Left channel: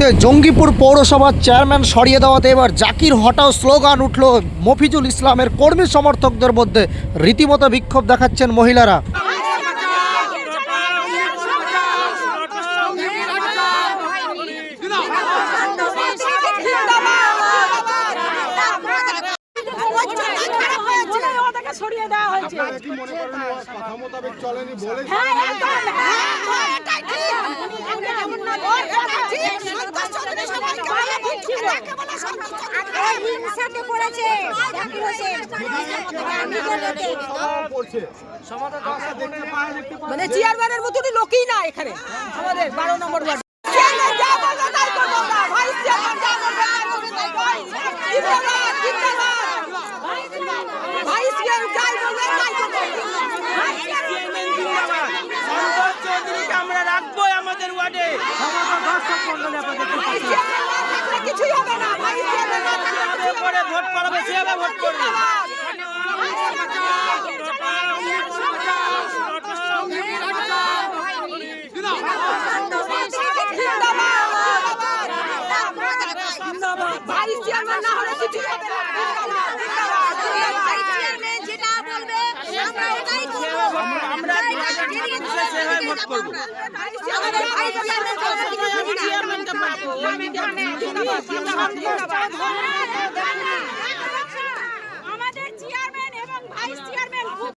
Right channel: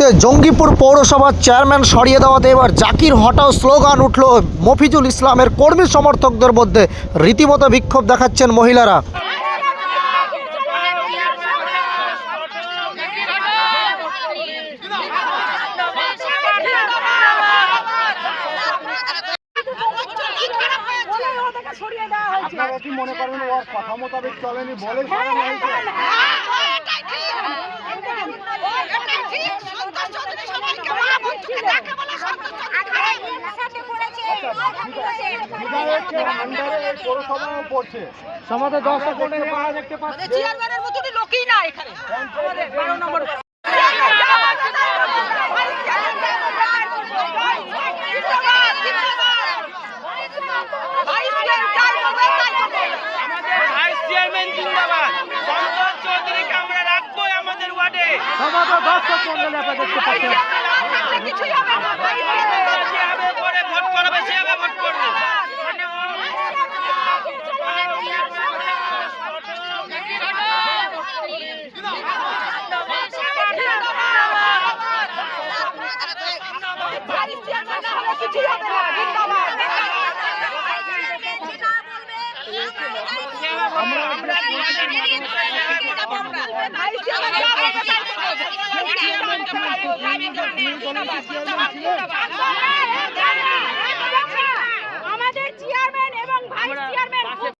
দাবিতে জঙ্গিপুর পৌরসভার চেয়ারম্যান সরিয়ে দেওয়াতে এবার জাকির হটাও স্লোগান উঠল মফিজুল ইসলামের কর্মী সমর্থকদের মধ্যে। রীতিমতো বিক্ষোভ দেখাচ্ছেন মহিলারা। আপনারা কি মনে করেন ওর কথা মোতাবেক চলেনি বলে পড়ছে সমাজে দশটা দেখতে পায় মানে চেয়ারম্যানের মতো লোকই না এখানে 12 নম্বর ভোট করবে সে আবার ভোট করবে। ভাইস চেয়ারম্যান না হলে কিছুই হবে না। জিন্দাবাদ জিন্দাবাদ জিন্দাবাদ।